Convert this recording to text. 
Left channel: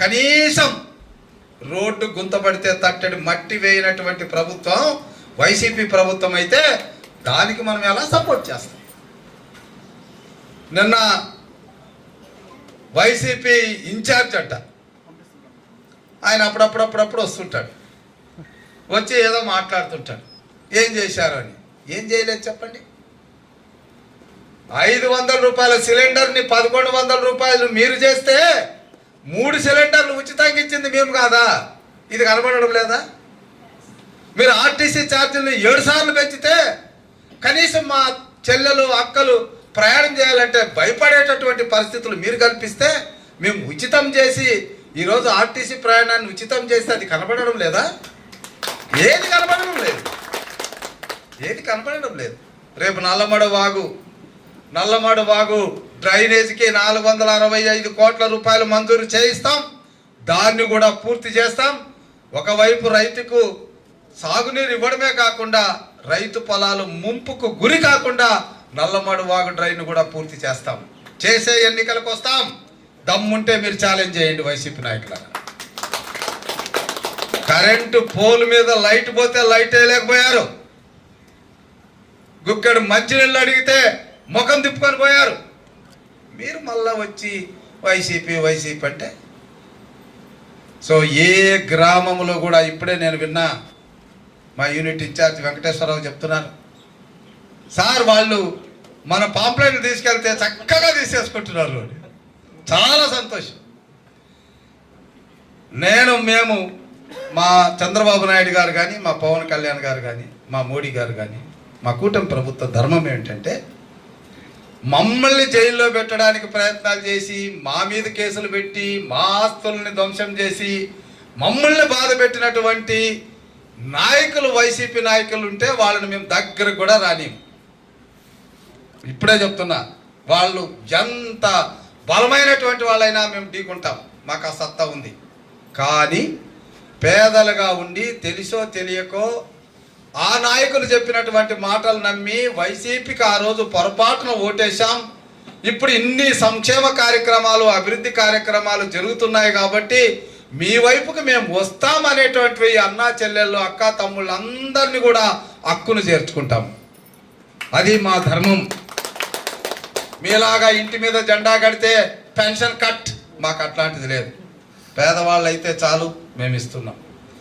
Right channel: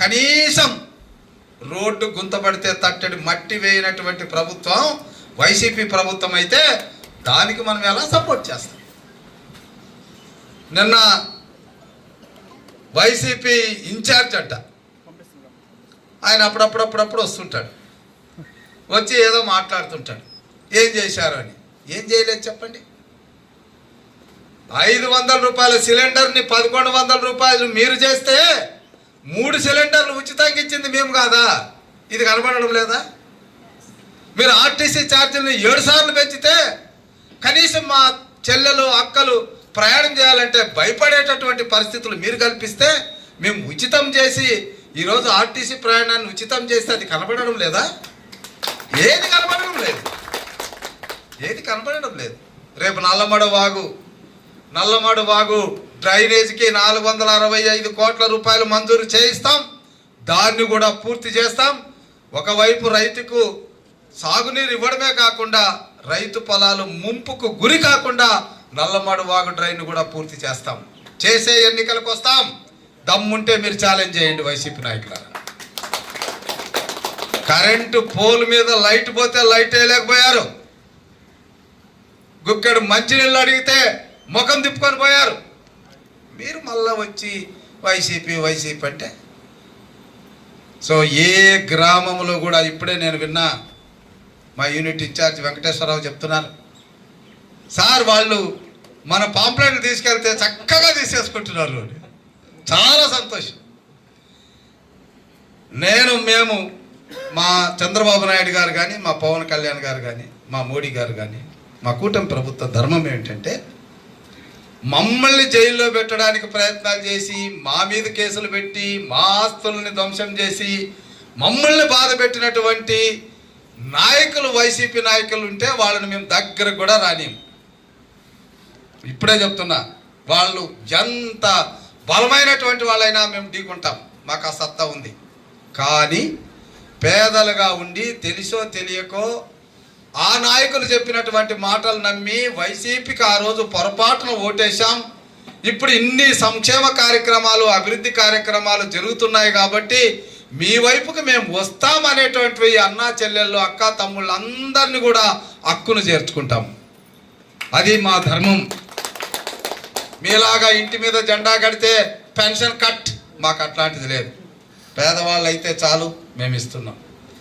కనీసం రోడ్డు గుంతపడితే తట్టడి మట్టి వేయనటువంటి ప్రభుత్వం వైసీపీ ప్రభుత్వం అయితే దానికి మనం ఎలా సపోర్ట్ చేస్తాం? నిన్న వైసీపీ ఇన్ఛార్జ్ అంట, ఆయన అప్పుడప్పుడు వస్తుంటాడు, వచ్చి ఏదో మాట్లాడుతుంటాడు, ఏం చేశారు అని. ఏం చేయలేదు చెప్పండి. 500 రూపాయల సిలిండర్ని 1100 రూపాయలు మీరు చేస్తే 3 సిలిండర్లు ఉచితంగా ఇచ్చింది మేము కాదా? ఇది కనబడడం లేదా? మీరు ఆర్టీసీ ఛార్జీని 7 సార్లు పెంచితే కనీసం మా చెల్లెలు అక్కలు ప్రయాణం చేయాలంటే భయపడేటటువంటి పరిస్థితులు మీరు కల్పిస్తే మేము ఉచితం చేసి ఈరోజు ఆర్టీసీ ప్రయాణాన్ని ఉచితం చేస్తే అది కనబడడం లేదా? ఏది కనబడడం లేదు, ఏది కనబడడం లేదు. రేపు నల్లమడ వాగు డ్రైనేజీకి 465 కోట్ల రూపాయలు మంజూరు చేయిస్తాం, దాన్ని కూడా పూర్తి చేస్తాం. ఒకవైపు రైతుకు సాగునీరు ఇవ్వడమే కాకుండా రైతు పొలాలు ముంపుకు గురి కాకుండా నల్లమడ వాగు డ్రైన్ కూడా పూర్తి చేస్తాం. చేసే ఎన్నికలకు వస్తాం. దమ్ముంటే మీరు ఛాలెంజ్ చేయండి వైసీపీ నాయకులు. కరెంటు పోల్ మీద లైట్ పోతే లైట్ వేయలేకపోయారు. గుక్కెడు మంచినీళ్ళు అడిగితే ముఖం తిప్పుకొని పోయారు. మీరు మళ్ళా వచ్చి వైసీపీ అంటే సో ఏ గ్రామంలో కూడా ఇప్పుడే నేను విన్నా, మా యూనిట్ ఇన్ఛార్జ్ వెంకటేశ్వరరావు చెప్తున్నారు, సార్ వాళ్ళు మన పాంప్లెట్లు తీసుకెళ్తే చక్కగా తీసేసుకుంటున్నారు. చాలా సంతోషం. మేము మా చంద్రబాబు నాయుడు గారు కానీ, మా పవన్ కళ్యాణ్ గారు కానీ, మా మోడీ గారు కానీ, మా కూటమి ప్రభుత్వ ధర్మం ఏంటంటే మమ్మల్ని జైల్లో పెట్టడానికి ప్రయత్నాలు చేసి, మా మీద కేసులు పెట్టి, మా ఆస్తుల్ని ధ్వంసం చేసి, మమ్మల్ని బాధ పెట్టినటువంటి నాయకులు వైసీపీ నాయకులు ఉంటే వాళ్ళని మేము దగ్గరకు కూడా రానిము. ఇప్పుడే చెప్తున్నా, వాళ్ళు ఎంత బలమైనటువంటి వాళ్ళైనా మేము ఢీకుంటాం, మాకు ఆ సత్తా ఉంది. కానీ పేదలుగా ఉండి తెలిసో తెలియకో ఆ నాయకులు చెప్పినటువంటి మాటలు నమ్మి వైసీపీకి ఆ రోజు పొరపాటున ఓటేశాం. ఇప్పుడు ఇన్ని సంక్షేమ కార్యక్రమాలు, అభివృద్ధి కార్యక్రమాలు జరుగుతున్నాయి కాబట్టి మీ వైపుకి మేము వస్తామనేటువంటి అన్నా చెల్లెళ్ళు, అక్క తమ్ముళ్ళు అందరినీ కూడా హక్కును చేర్చుకుంటాం. అది మా ధర్మం. మీలాగా ఇంటి మీద జెండా కడితే పెన్షన్ కట్, మాకు అట్లాంటిది లేదు. పేదవాళ్ళు అయితే చాలు, మేము ఇస్తున్నాం.